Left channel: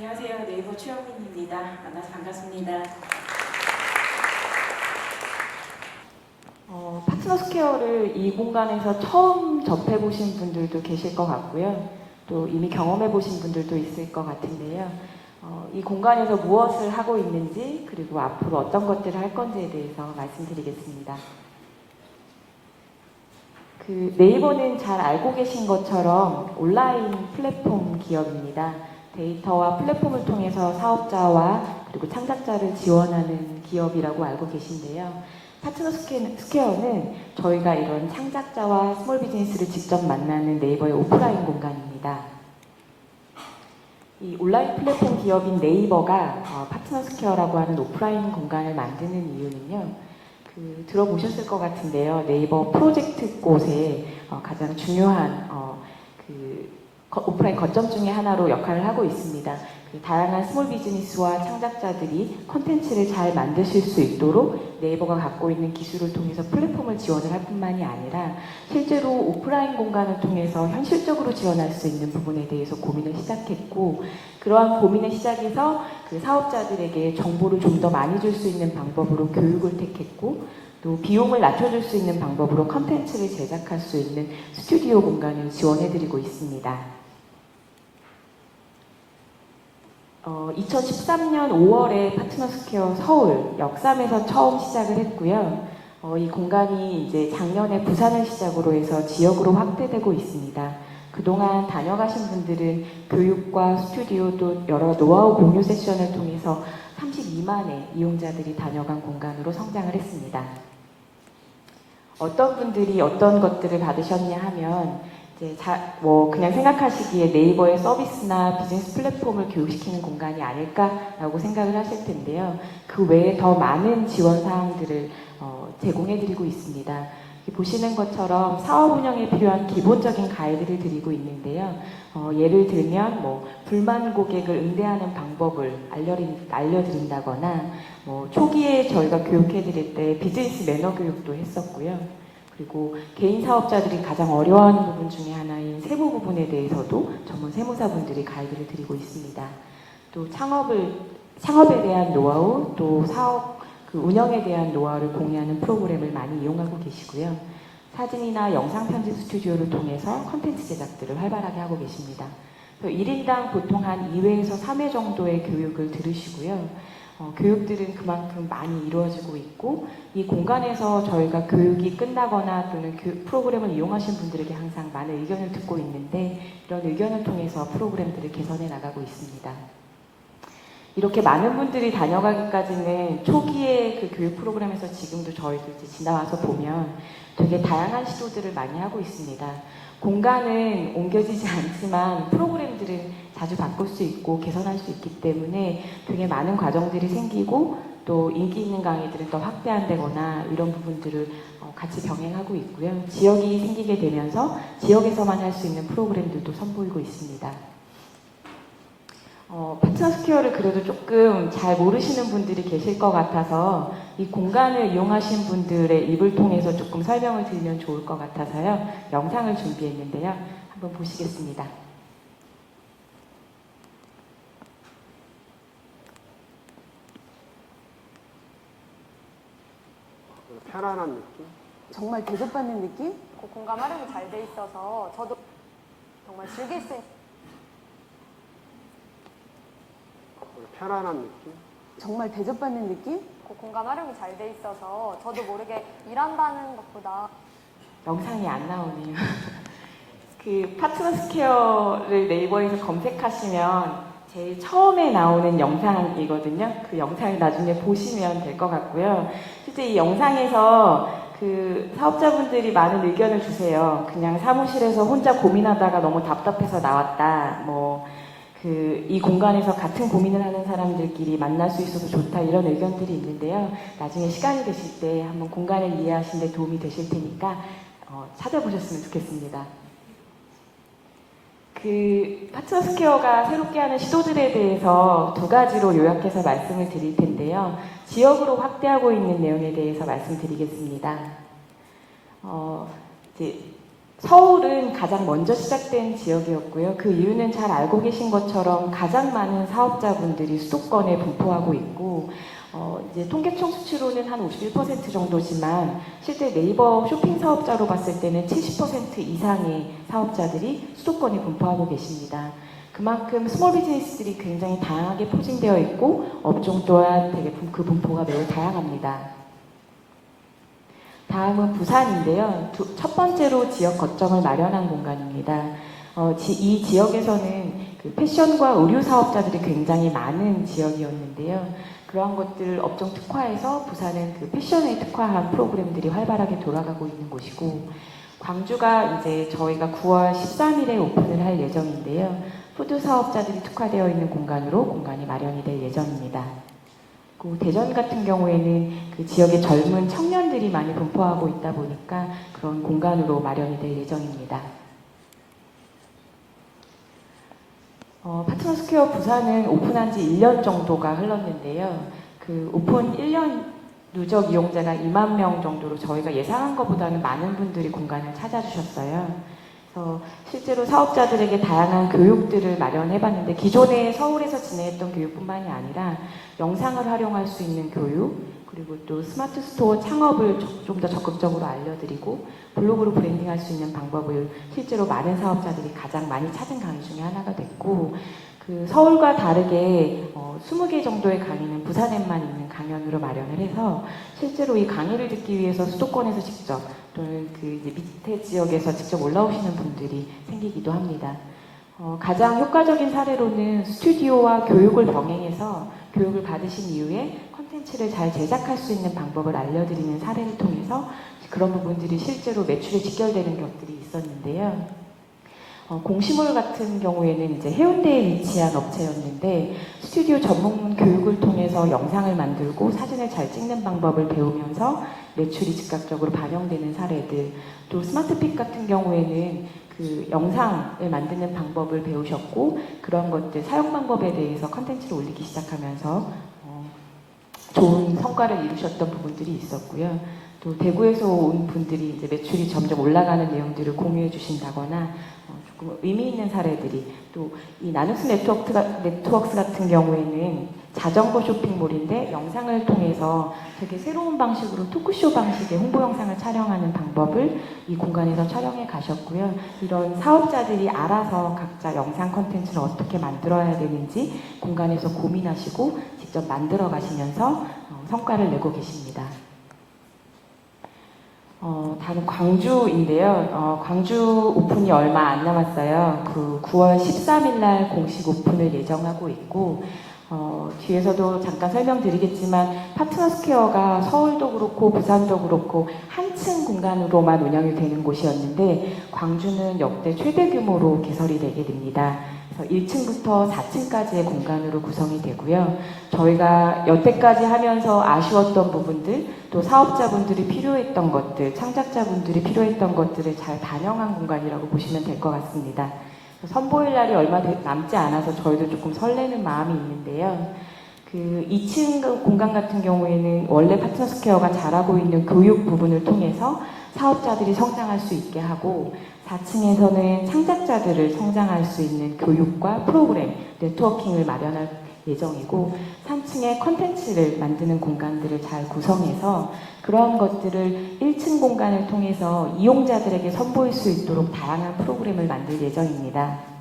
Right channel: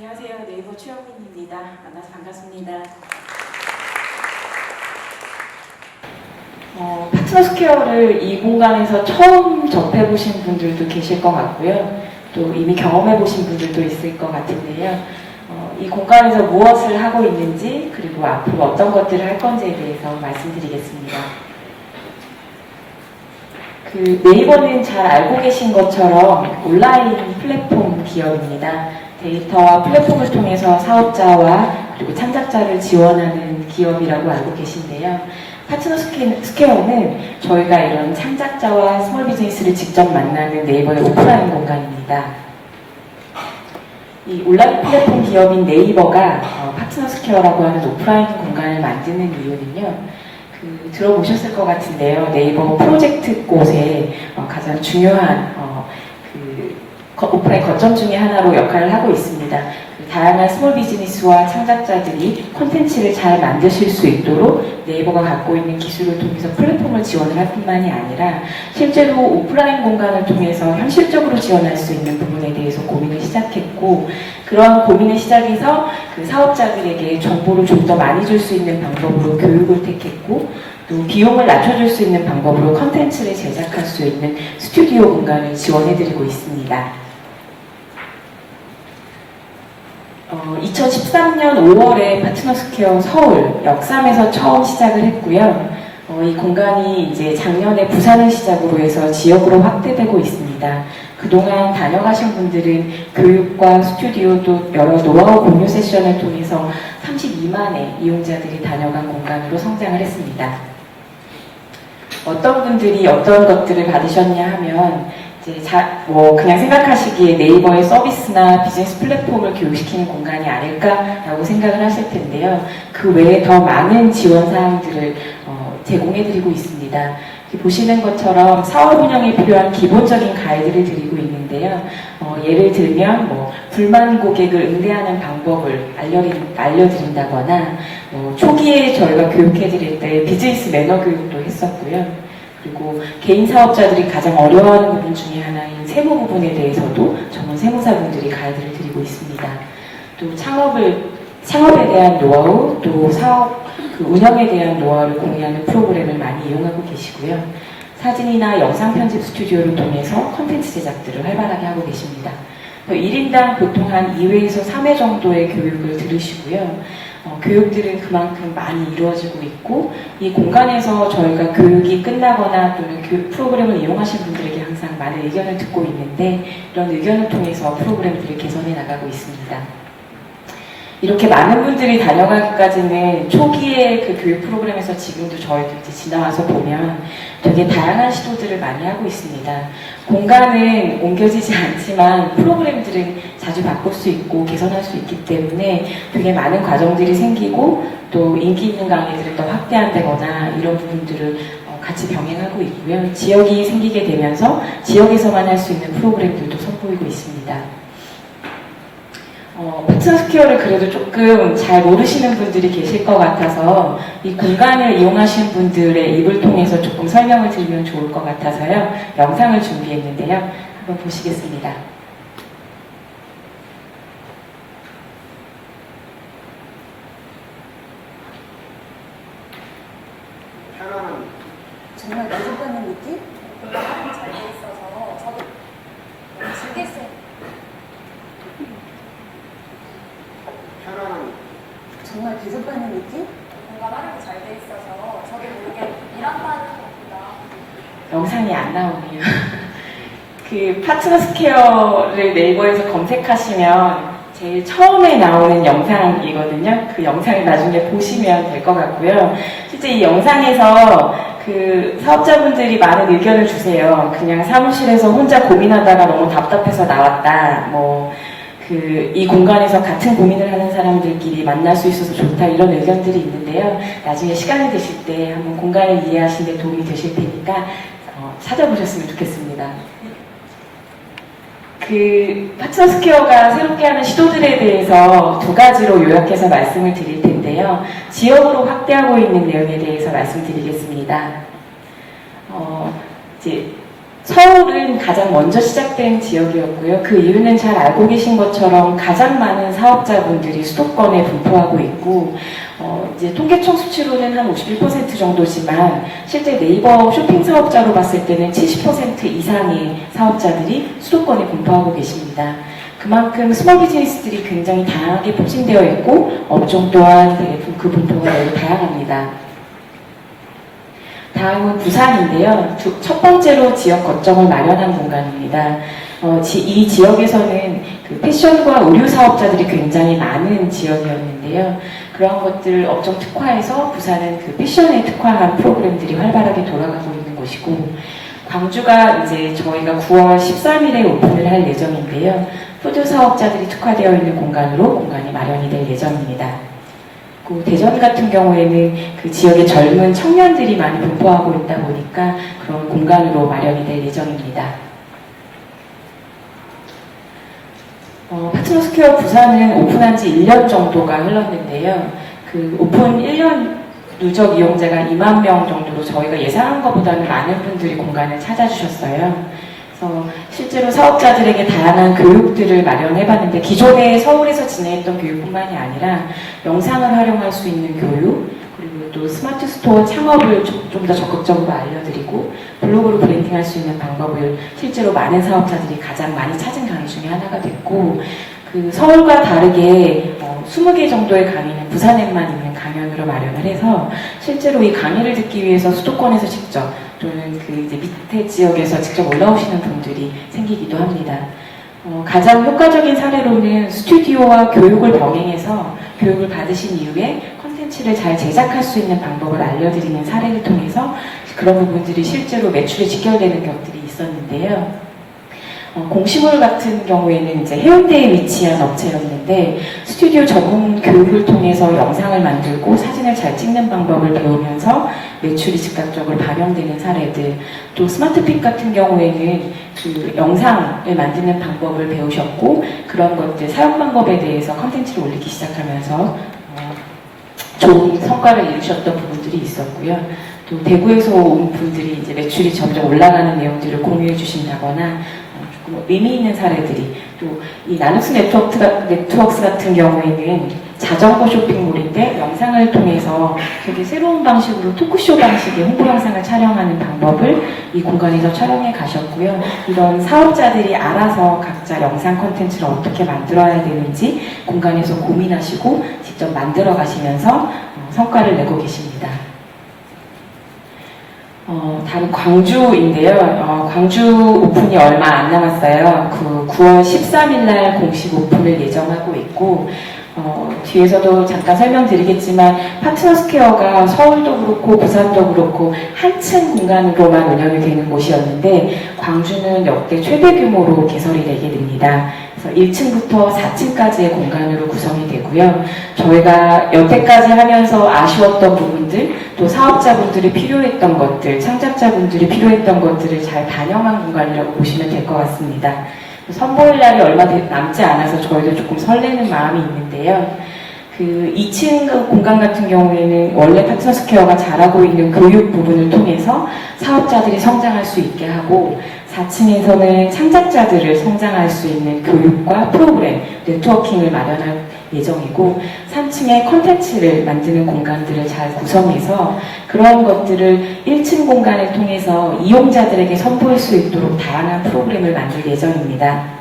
안녕하세요. 네이버 최영민입니다. 만나서 반갑습니다. 어, 파트너 스퀘어를 이 공간에서 처음 접해보신 분들도 계실 것 같고요. 또 이미 경험해보신 분들도 있을 것 같은데요. 어, 이 공간에서 무엇을 하고 있는지 그리고 앞으로 어떤 것들을 할 건지에 대해서 말씀드리겠습니다. 그 네이버는 잘 알고 계신 것처럼 온라인 플랫폼 기업입니다. 데이터와 플랫폼을 통해서 사업자와 그리고 창작자를 지원하는 기업이라고 알고 계신데요. 파트너 스퀘- 스퀘어는 저희가 이런 창작자와 스몰 비즈니스를 직접 만나는 네이버의 오프라인 공간입니다. 이 온라인 플랫폼 기업인 네이버가 어, 파트너 스퀘어라고 하는 오프라인 공간을 만드는 이유는요. 그, 들어보셨을 것 같은데요. 네이버 프로젝트 곳에 어, 가장 중요한 어, 그 거- 오프라인 거점 중에 하나로 역할을 하고 있습니다. 다양한 스몰 비즈니스와 창작자들이 콘텐츠를 잘 만드실 수 있도록 네이버가 갖고 있는 기술을 통해서 플랫폼을 지원을 할 뿐만이 아니라 실제로 오프라인 공간을 통해서 현실적으로 지원할 수 있는 부분에 대해서 고민을 시작했고 그러한 고민을 시작해서 그 사업자들에게 정보를 좀 더 많이 줄 수 있는 방법으로 교육을 택했고 또 비용을 낮춰줄 수 있는 방법으로 컨텐츠를 제작할 수 있는 스튜디오 공간을 지원해드리고 있습니다. 어, 2013년 5월에 파트너 스퀘어 서울 역삼에서 처음 시작을 했고요. 어, 이 공간이 이제 작년에 부산을 시작으로 해서 지역으로 확대되고 있습니다. 그동안 다녀가신 분들은 교육과 스튜디오 또 여러 노하우 공유 세션을 통해서 32만의 이용자들이 다녀간 공간으로 성장을 했습니다. 어떤 분들이 어떤 것들을 받으셨냐 하면 자, 뭐 그냥 생각하시기에 네이버의 서비스나 비즈니스 플랫폼을 교육시키는 공간이 아닐까라고 생각을 하실 텐데요. 그 외에 더 많은 지원 사항들을 어, 제공해드리고 있습니다. 보시는 것처럼 사업 운영에 필요한 기본적인 가이드를 드리고 있는데요. 어, 예를 들면 뭐 불만 고객을 응대하는 방법을 알려 드린, 알려드린다거나 뭐 초기에 저희가 교육해드릴 때 비즈니스 매너 교육도 했었고요. 그리고 개인 사업자들이 가장 어려워하는 부분 중에 하나인 세무 부분에 대해서도 전문 세무사분들이 가이드를 드리고 있습니다. 또 창업을 창업에 대한 노하우, 또 사업 그 운영에 대한 노하우를 공유하는 프로그램을 많이 이용하고 계시고요. 사진이나 영상 편집 스튜디오를 통해서 콘텐츠 제작들을 활발하게 하고 계십니다. 또 1인당 보통 한 2회에서 3회 정도의 교육을 들으시고요. 어, 교육들은 그만큼 많이 이루어지고 있고 이 공간에서 저희가 교육이 끝나거나 또는 교육 프로그램을 이용하신 분들에게 항상 많은 의견을 듣고 있는데 이런 의견을 통해서 프로그램들을 개선해 나가고 있습니다. 이렇게 많은 분들이 다녀가기까지는 초기에 그 교육 프로그램에서 지금도 저희도 이제 지나와서 보면 되게 다양한 시도들을 많이 하고 있습니다. 공간은 옮겨지지 않지만 프로그램들은 자주 바꿀 수 있고 개선할 수 있기 때문에 되게 많은 과정들이 생기고 또 인기 있는 강의들을 더 확대한다거나 이런 부분들을 어, 같이 병행하고 있고요. 지역이 생기게 되면서 지역에서만 할 수 있는 프로그램들도 선보이고 있습니다. 어, 파트너스퀘어를 그래도 조금 잘 모르시는 분들이 계실 것 같아서 이 공간을 이용하시는 분들의 입을 통해서 조금 설명을 드리면 좋을 것 같아서요. 영상을 준비했는데요. 한번 보시겠습니다. 정말 여러분의 느낌? 아, 정말 여러분의 느낌? 영상이 안 나오네요. 스퀘어를 네이버에서 검색하시면 제일 처음에 나오는 영상이거든요. 그 영상을 나중에 보시면 될 것 같고요. 실제 이 영상에서 그 사업자분들이 많은 의견을 주세요. 그냥 사무실에서 혼자 고민하다가 너무 답답해서 나왔다. 뭐, 그, 이 공간에서 같은 고민을 하는 사람들끼리 만날 수 있어서 좋다. 이런 의견들이 있는데요. 나중에 시간이 되실 때 한번 공간을 이해하시는 데 도움이 되실 테니까 어, 찾아보셨으면 좋겠습니다. 그 파트너 스퀘어가 새롭게 하는 시도들에 대해서 두 가지로 요약해서 말씀을 드릴 텐데요. 지역으로 확대하고 있는 내용에 대해서 말씀드리겠습니다. 어, 이제 서울은 가장 먼저 시작된 지역이었고요. 그 이유는 잘 알고 계신 것처럼 가장 많은 사업자분들이 수도권에 분포하고 있고, 어, 이제 통계청 수치로는 한 51% 정도지만 실제 네이버 쇼핑 사업자로 봤을 때는 70% 이상의 사업자들이 수도권에 분포하고 계십니다. 그만큼 스몰 비즈니스들이 굉장히 다양하게 포진되어 있고 업종 또한 그 분포가 매우 다양합니다. 다음은 부산인데요. 두- 첫 번째로 지역 거점을 마련한 공간입니다. 어, 지- 이 지역에서는 그 패션과 의류 사업자들이 굉장히 많은 지역이었는데요. 그런 것들 업종 특화해서 부산은 그 패션에 특화한 프로그램들이 활발하게 돌아가고 있는 곳이고 광주가 이제 저희가 9월 13일에 오픈을 할 예정인데요. 푸드 사업자들이 특화되어 있는 공간으로 공간이 마련이 될 예정입니다. 그리고 대전 같은 경우에는 그 지역의 젊은 청년들이 많이 분포하고 있다 보니까 그런 공간으로 마련이 될 예정입니다. 어, 파트너스퀘어 부산은 오픈한 지 1년 정도가 흘렀는데요. 그 오픈 1년 누적 이용자가 2만 명 정도로 저희가 예상한 것보다는 많은 분들이 공간을 찾아주셨어요. 그래서 실제로 사업자들에게 다양한 교육들을 마련해봤는데 기존에 서울에서 진행했던 교육뿐만이 아니라 영상을 활용할 수 있는 교육 그리고 또 스마트 스토어 창업을 좀 더 적극적으로 알려드리고 블로그로 브랜딩할 수 있는 방법을 실제로 많은 사업자들이 가장 많이 찾은 중에 하나가 됐고 그 서울과 다르게 어, 20개 정도의 강의는 부산에만 있는 강연으로 마련을 해서 실제로 이 강의를 듣기 위해서 수도권에서 직접 또는 그 이제 밑에 지역에서 직접 올라오시는 분들이 생기기도 합니다. 어, 가장 효과적인 사례로는 스튜디오와 교육을 병행해서 교육을 받으신 이후에 컨텐츠를 잘 제작할 수 있는 방법을 알려드리는 사례를 통해서 그런 부분들이 실제로 매출에 직결되는 것들이 있었는데요. 어, 공시몰 같은 경우에는 이제 해운대에 위치한 업체였는데 스튜디오 전문 교육을 통해서 영상을 만들고 사진을 잘 찍는 방법을 배우면서 매출이 즉각적으로 반영되는 사례들 또 스마트픽 같은 경우에는 그 영상을 만드는 방법을 배우셨고 그런 것들 사용 방법에 대해서 컨텐츠를 올리기 시작하면서 어, 좋은 성과를 이루셨던 부분들이 있었고요. 또 대구에서 온 분들이 이제 매출이 점점 올라가는 내용들을 공유해 주신다거나 의미 있는 사례들이 또 이 나누스 네트워크, 네트워크스 같은 경우에는 자전거 쇼핑몰인데 영상을 통해서 되게 새로운 방식으로 토크쇼 방식의 홍보 영상을 촬영하는 방법을 이 공간에서 촬영해 가셨고요. 이런 사업자들이 알아서 각자 영상 콘텐츠를 어떻게 만들어야 되는지 공간에서 고민하시고 직접 만들어 가시면서 어, 성과를 내고 계십니다. 어, 다음 광주인데요. 어, 광주 오픈이 얼마 안 남았어요. 그 9월 13일 날 공식 오픈을 예정하고 있고 어, 뒤에서도 잠깐 설명드리겠지만 파트너스퀘어가 서울도 그렇고 부산도 그렇고 한층 공간으로만 운영이 되는 곳이었는데 광주는 역대 최대 규모로 개설이 되게 됩니다. 그래서 1층부터 4층까지의 공간으로 구성이 되고요. 저희가 여태까지 하면서 아쉬웠던 부분들, 또 사업자분들이 필요했던 것들, 창작자분들이 필요했던 것들을 잘 반영한 공간이라고 보시면 될 것 같습니다. 선보일 날이 얼마 남지 않아서 저희도 조금 설레는 마음이 있는데요. 그 2층 공간 같은 경우에는 원래 파트너스퀘어가 잘하고 있는 교육 부분을 통해서 사업자들이 성장할 수 있게 하고 4층에서는 창작자들을 성장할 수 있는 교육과 프로그램, 네트워킹을 마련할 예정이고 3층에 콘텐츠를 만드는 공간들을 잘 구성해서 그런 것들을 1층 공간을 통해서 이용자들에게 선보일 수 있도록 다양한 프로그램을 만들 예정입니다.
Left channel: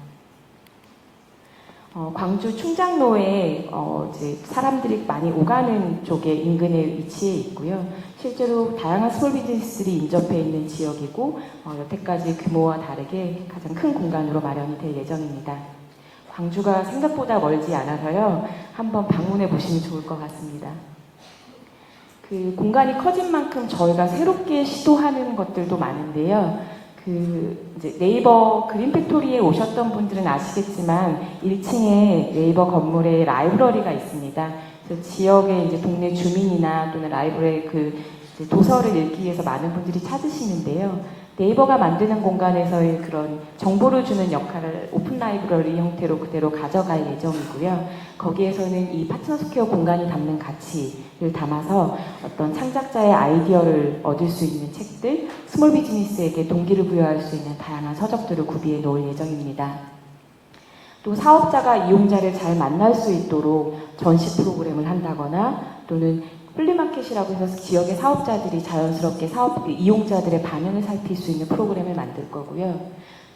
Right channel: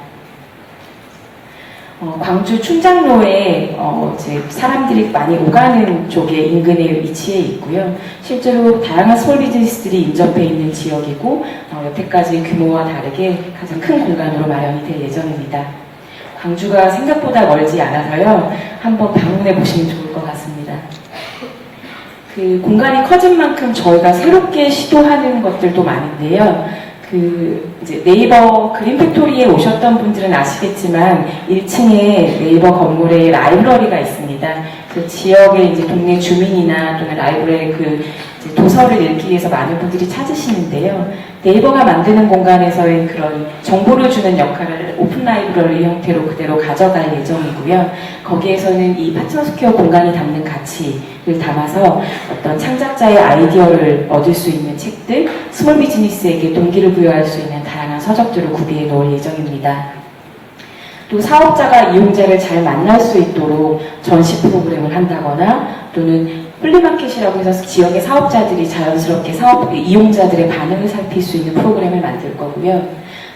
어, 광주 춘장로에 어, 이제 사람들이 많이 오가는 쪽에 인근에 위치해 있고요. 실제로 다양한 스몰 비즈니스들이 인접해 있는 지역이고 어, 여태까지 규모와 다르게 가장 큰 공간으로 마련이 될 예정입니다. 광주가 생각보다 멀지 않아서요. 한번 방문해 보시면 좋을 것 같습니다. 그 공간이 커진 만큼 저희가 새롭게 시도하는 것들도 많은데요. 그 이제 네이버 그린 팩토리에 오셨던 분들은 아시겠지만 1층에 네이버 건물에 라이브러리가 있습니다. 그 지역의 이제 동네 주민이나 또는 라이브러리 그 도서를 읽기 위해서 많은 분들이 찾으시는데요. 네이버가 만드는 공간에서의 그런 정보를 주는 역할을 오픈 라이브러리 형태로 그대로 가져갈 예정이고요. 거기에서는 이 파트너 스퀘어 공간이 담는 가치를 담아서 어떤 창작자의 아이디어를 얻을 수 있는 책들, 스몰 비즈니스에게 동기를 부여할 수 있는 다양한 서적들을 구비해 놓을 예정입니다. 또 사업자가 이용자를 잘 만날 수 있도록 전시 프로그램을 한다거나 또는 플리마켓이라고 해서 지역의 사업자들이 자연스럽게 사업 이용자들의 반응을 살필 수 있는 프로그램을 만들 거고요.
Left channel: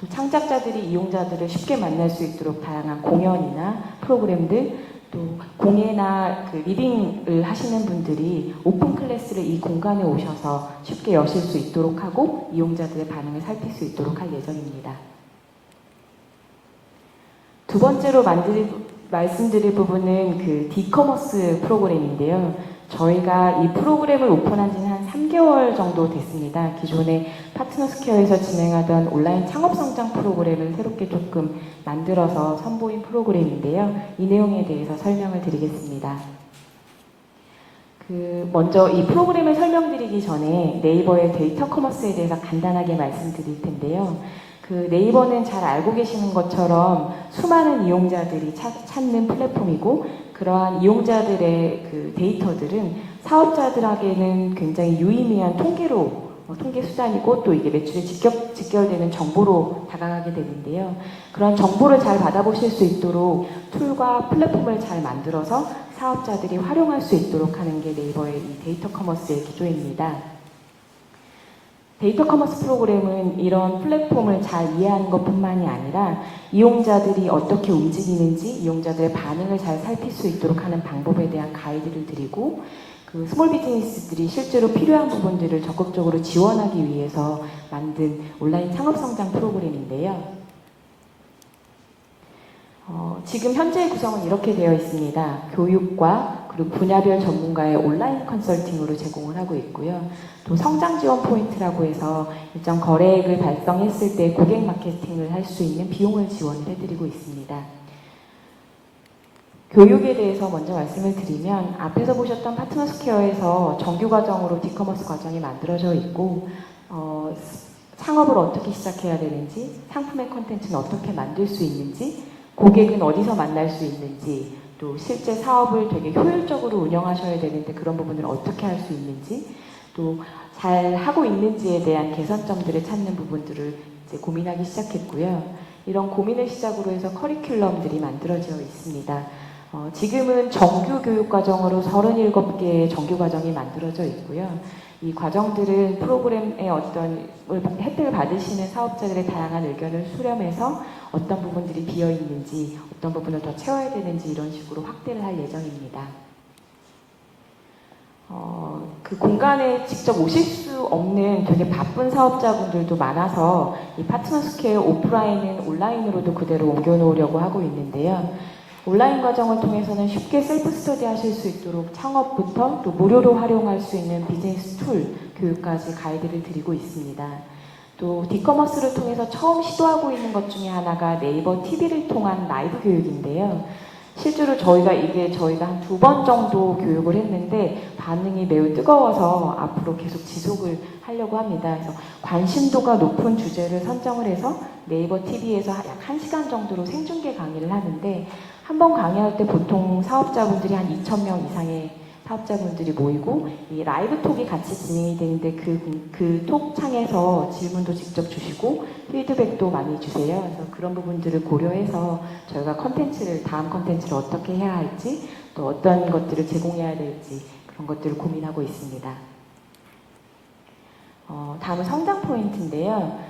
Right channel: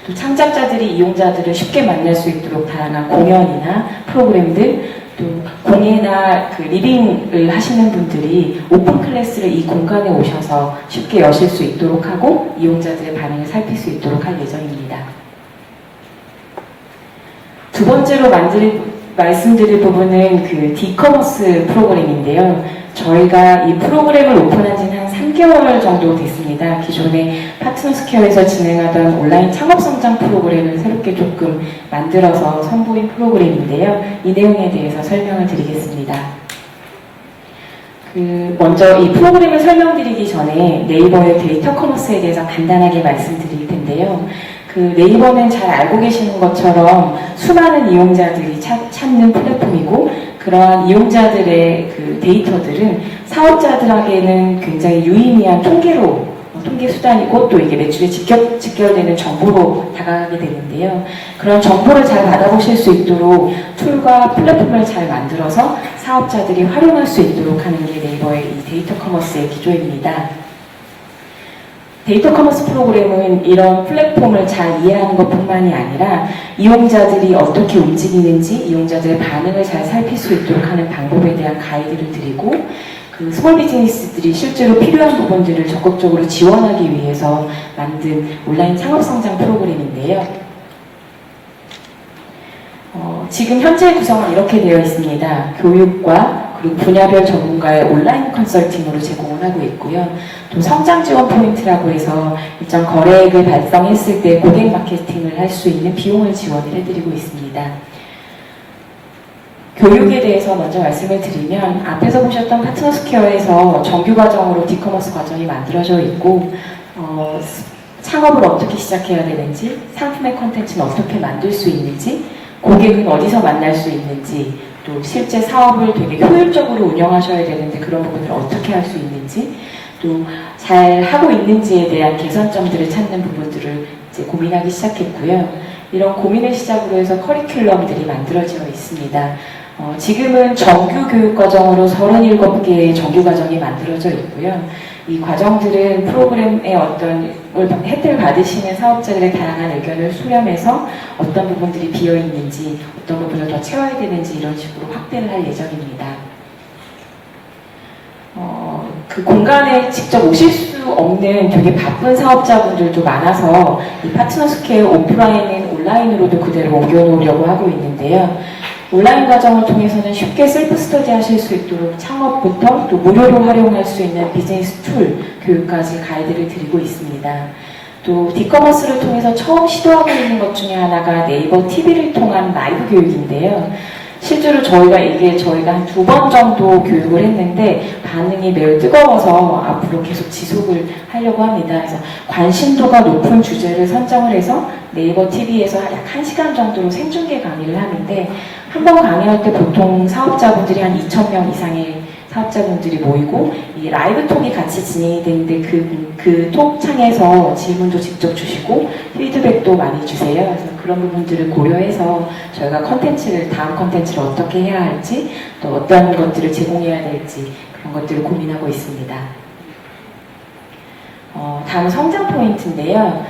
또 창작자들이 이용자들을 쉽게 만날 수 있도록 다양한 공연이나 프로그램들 또 공예나 그 리빙을 하시는 분들이 오픈 클래스를 이 공간에 오셔서 쉽게 여실 수 있도록 하고 이용자들의 반응을 살필 수 있도록 할 예정입니다. 두 번째로 만들, 말씀드릴 부분은 그 디커머스 프로그램인데요. 저희가 이 프로그램을 오픈한 지는 한 3개월 정도 됐습니다. 기존에 파트너 스퀘어에서 진행하던 온라인 창업 성장 프로그램을 새롭게 조금 만들어서 선보인 프로그램인데요. 이 내용에 대해서 설명을 드리겠습니다. 그 먼저 이 프로그램을 설명드리기 전에 네이버의 데이터 커머스에 대해서 간단하게 말씀드릴 텐데요. 그 네이버는 잘 알고 계시는 것처럼 수많은 이용자들이 찾, 찾는 플랫폼이고 그러한 이용자들의 그 데이터들은 사업자들에게는 굉장히 유의미한 통계로 어, 통계 수단이고 또 이게 매출에 직결, 직결되는 정보로 다가가게 되는데요. 그런 정보를 잘 받아보실 수 있도록 툴과 플랫폼을 잘 만들어서 사업자들이 활용할 수 있도록 하는 게 네이버의 이 데이터 커머스의 기조입니다. 데이터 커머스 프로그램은 이런 플랫폼을 잘 이해하는 것뿐만이 아니라 이용자들이 어떻게 움직이는지 이용자들의 반응을 잘 살필 수 있도록 하는 방법에 대한 가이드를 드리고 그 스몰 비즈니스들이 실제로 필요한 부분들을 적극적으로 지원하기 위해서 만든 온라인 창업 성장 프로그램인데요. 어, 지금 현재 구성은 이렇게 되어 있습니다. 교육과 그리고 분야별 전문가의 온라인 컨설팅으로 제공 을 하고 있고요. 또 성장 지원 포인트라고 해서 일정 거래액을 발생했을 때 고객 마케팅을 할 수 있는 비용을 지원을 해드리고 있습니다. 교육에 대해서 먼저 말씀을 드리면 앞에서 보셨던 파트너 스퀘어에서 정규 과정으로 디커머스 과정이 만들어져 있고 어, 창업을 어떻게 시작해야 되는지 상품의 콘텐츠는 어떻게 만들 수 있는지 고객은 어디서 만날 수 있는지 또 실제 사업을 되게 효율적으로 운영하셔야 되는데 그런 부분을 어떻게 할 수 있는지 또 잘 하고 있는지에 대한 개선점들을 찾는 부분들을 이제 고민하기 시작했고요. 이런 고민을 시작으로 해서 커리큘럼들이 만들어져 있습니다. 어, 지금은 정규 교육 과정으로 37개의 정규 과정이 만들어져 있고요. 이 과정들은 프로그램의 어떤 혜택을 받으시는 사업자들의 다양한 의견을 수렴해서 어떤 부분들이 비어 있는지, 어떤 부분을 더 채워야 되는지 이런 식으로 확대를 할 예정입니다. 어, 그 공간에 직접 오실 수 없는 되게 바쁜 사업자분들도 많아서 이 파트너 스퀘어 오프라인은 온라인으로도 그대로 옮겨놓으려고 하고 있는데요. 온라인 과정을 통해서는 쉽게 셀프 스터디 하실 수 있도록 창업부터 또 무료로 활용할 수 있는 비즈니스 툴 교육까지 가이드를 드리고 있습니다. 또 디커머스를 통해서 처음 시도하고 있는 것 중에 하나가 네이버 TV를 통한 라이브 교육인데요. 실제로 저희가 이게 저희가 한 두 번 정도 교육을 했는데 반응이 매우 뜨거워서 앞으로 계속 지속을 하려고 합니다. 그래서 관심도가 높은 주제를 선정을 해서 네이버 TV에서 약 1시간 정도로 생중계 강의를 하는데 한 번 강의할 때 보통 사업자분들이 한 2,000명 이상의 사업자분들이 모이고 이 라이브 톡이 같이 진행이 되는데 그, 그톡 창에서 질문도 직접 주시고 피드백도 많이 주세요. 그래서 그런 부분들을 고려해서 저희가 컨텐츠를, 다음 컨텐츠를 어떻게 해야 할지 또 어떤 것들을 제공해야 될지 그런 것들을 고민하고 있습니다. 어, 다음 성장 포인트인데요.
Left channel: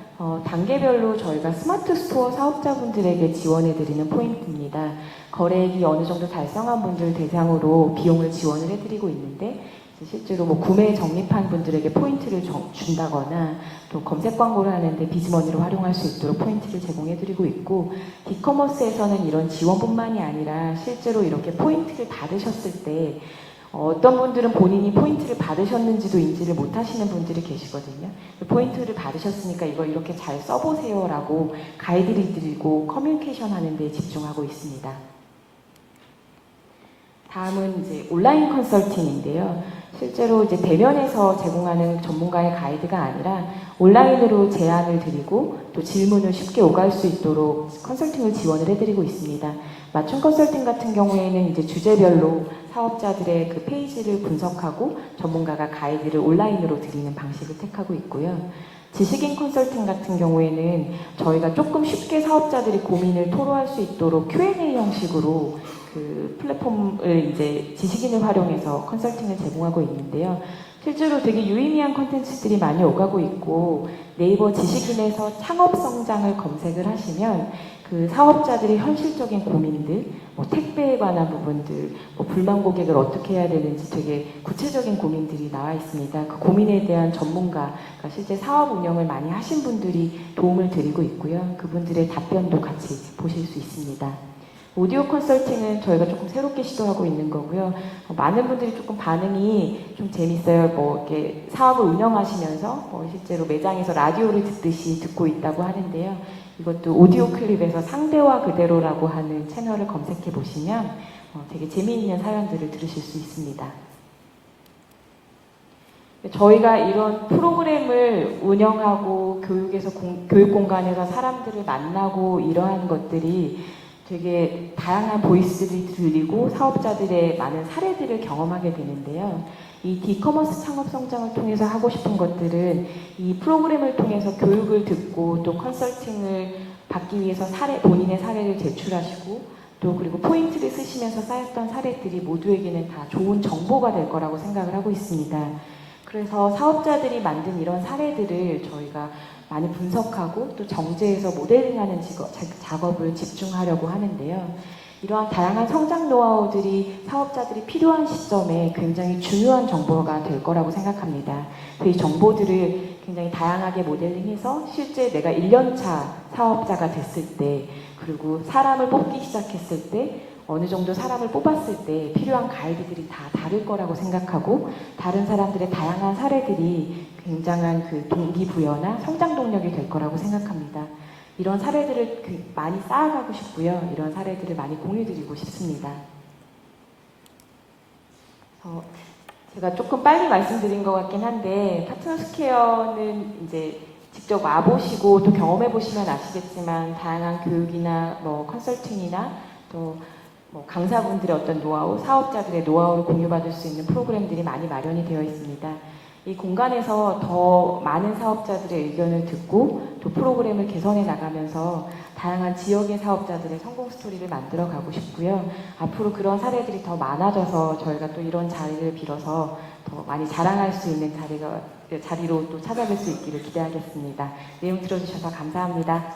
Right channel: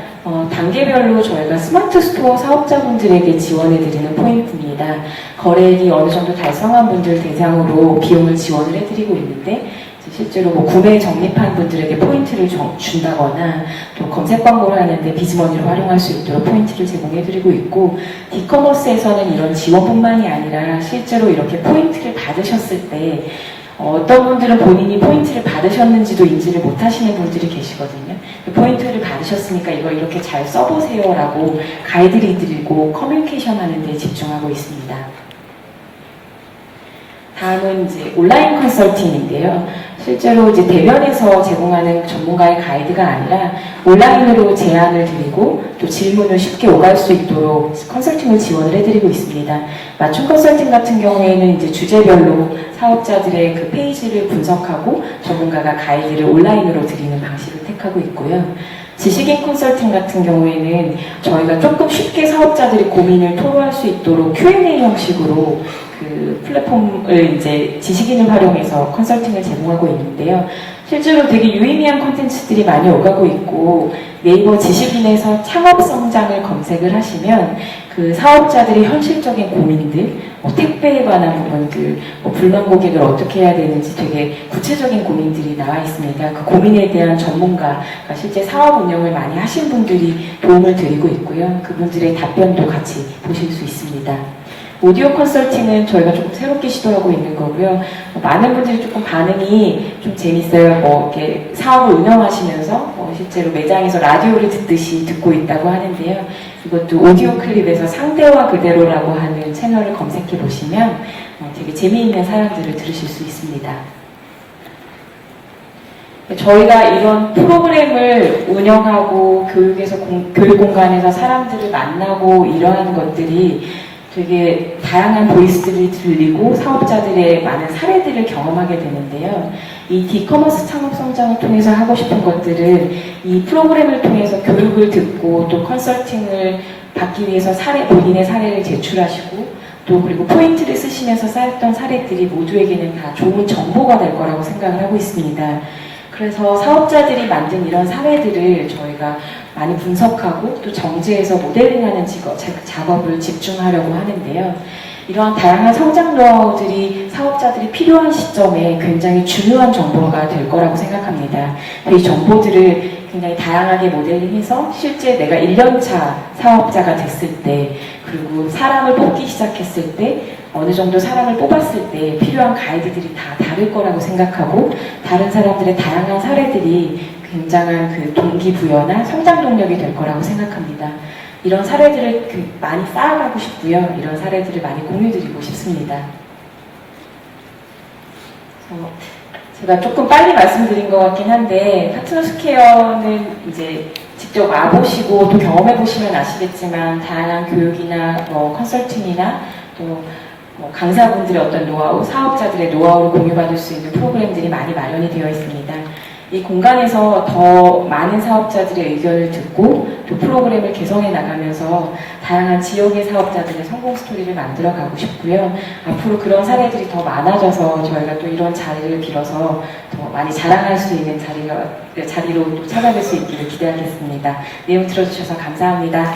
어, 단계별로 저희가 스마트 스토어 사업자분들에게 지원해드리는 포인트입니다. 거래액이 어느 정도 달성한 분들 대상으로 비용을 지원을 해드리고 있는데 실제로 뭐 구매 적립한 분들에게 포인트를 줘- 준다거나 또 검색 광고를 하는데 비즈머니를 활용할 수 있도록 포인트를 제공해드리고 있고 디커머스에서는 이런 지원뿐만이 아니라 실제로 이렇게 포인트를 받으셨을 때 어떤 분들은 본인이 포인트를 받으셨는지도 인지를 못하시는 분들이 계시거든요. 포인트를 받으셨으니까 이걸 이렇게 잘 써보세요라고 가이드를 드리고 커뮤니케이션 하는 데 집중하고 있습니다. 다음은 이제 온라인 컨설팅인데요. 실제로 이제 대면에서 제공하는 전문가의 가이드가 아니라 온라인으로 제안을 드리고 또 질문을 쉽게 오갈 수 있도록 컨설팅을 지원을 해드리고 있습니다. 맞춤 컨설팅 같은 경우에는 이제 주제별로 사업자들의 그 페이지를 분석하고 전문가가 가이드를 온라인으로 드리는 방식을 택하고 있고요. 지식인 컨설팅 같은 경우에는 저희가 조금 쉽게 사업자들이 고민을 토로할 수 있도록 Q&A 형식으로 그 플랫폼을 이제 지식인을 활용해서 컨설팅을 제공하고 있는데요. 실제로 되게 유의미한 콘텐츠들이 많이 오가고 있고 네이버 지식인에서 창업 성장을 검색을 하시면 그 사업자들의 현실적인 고민들, 뭐 택배에 관한 부분들, 뭐 불만 고객을 어떻게 해야 되는지 되게 구체적인 고민들이 나와 있습니다. 그 고민에 대한 전문가, 실제 사업 운영을 많이 하신 분들이 도움을 드리고 있고요. 그분들의 답변도 같이 보실 수 있습니다. 오디오 컨설팅은 저희가 좀 새롭게 시도하고 있는 거고요. 많은 분들이 조금 반응이 좀 재밌어요. 뭐 이렇게 사업을 운영하시면서 뭐 실제로 매장에서 라디오를 듣듯이 듣고 있다고 하는데요. 이것도 오디오 클립에서 상대와 그대로라고 하는 채널을 검색해 보시면 어, 되게 재미있는 사연들을 들으실 수 있습니다. 저희가 이런 프로그램을 운영하고 교육에서 공- 교육 공간에서 사람들을 만나고 이러한 것들이 되게 다양한 보이스들이 들리고 사업자들의 많은 사례들을 경험하게 되는데요. 이 디커머스 창업 성장을 통해서 하고 싶은 것들은 이 프로그램을 통해서 교육을 듣고 또 컨설팅을 받기 위해서 사례, 본인의 사례를 제출하시고 또 그리고 포인트를 쓰시면서 쌓였던 사례들이 모두에게는 다 좋은 정보가 될 거라고 생각을 하고 있습니다. 그래서 사업자들이 만든 이런 사례들을 저희가 많이 분석하고 또 정제해서 모델링하는 직업, 자- 작업을 집중하려고 하는데요. 이러한 다양한 성장러들이 사업자들이 필요한 시점에 굉장히 중요한 정보가 될 거라고 생각합니다. 이 정보들을 굉장히 다양하게 모델링해서 실제 내가 1년차 사업자가 됐을 때 그리고 사람을 뽑기 시작했을 때 어느 정도 사람을 뽑았을 때 필요한 가이드들이 다 다를 거라고 생각하고 다른 사람들의 다양한 사례들이 굉장한 그 동기부여나 성장 동력이 될 거라고 생각합니다. 이런 사례들을 그 많이 쌓아가고 싶고요. 이런 사례들을 많이 공유드리고 싶습니다. 어, 제가 조금 빨리 말씀드린 것 같긴 한데 파트너스케어는 이제 직접 와보시고 또 경험해보시면 아시겠지만 다양한 교육이나 뭐 컨설팅이나 또 뭐 강사분들의 어떤 노하우, 사업자들의 노하우를 공유받을 수 있는 프로그램들이 많이 마련이 되어 있습니다. 이 공간에서 더 많은 사업자들의 의견을 듣고 또 프로그램을 개선해 나가면서 다양한 지역의 사업자들의 성공 스토리를 만들어 가고 싶고요. 앞으로 그런 사례들이 더 많아져서 저희가 또 이런 자리를 빌어서 더 많이 자랑할 수 있는 자리가, 자리로 또 찾아뵐 수 있기를 기대하겠습니다. 내용 들어주셔서 감사합니다.